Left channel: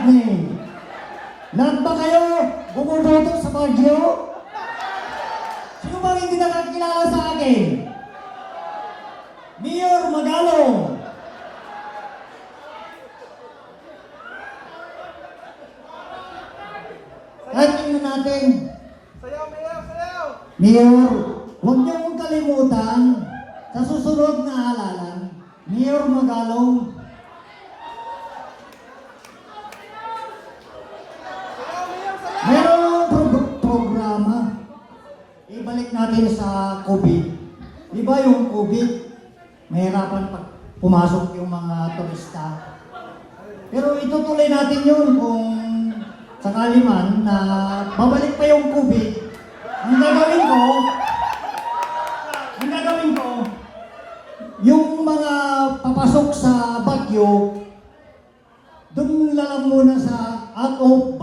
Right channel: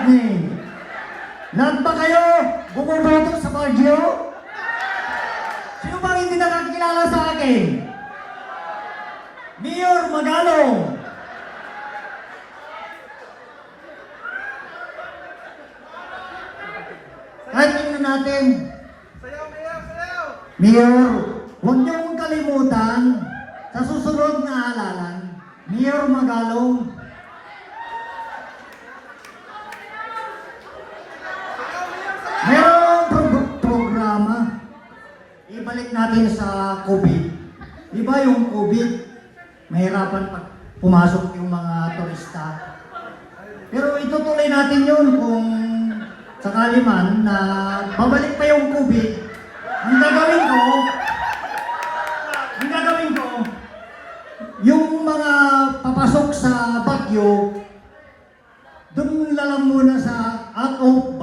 Rodney. Lahat ba kayo bumuboto sa Baguio? Sino bang hindi nakakilala sa akin? Mayor Magalong. Kahit tingnan natin. Sayaw, Mayor, sayaw! Mayor, huwag niyo mong kalimutan sa susunod na halalan, Mayor Magalong. Sayaw, Mayor, sayaw! Meron ng programa. Ibalik natin sa COVID. Di ba yung COVID, mahirapan pa pumasok yung mga turista. Pero itutuloy natin yun kung sakali man na babalik pa yung COVID. Ang gagawin ko, yung mga papasok sa Baguio, doon lang muna sa out of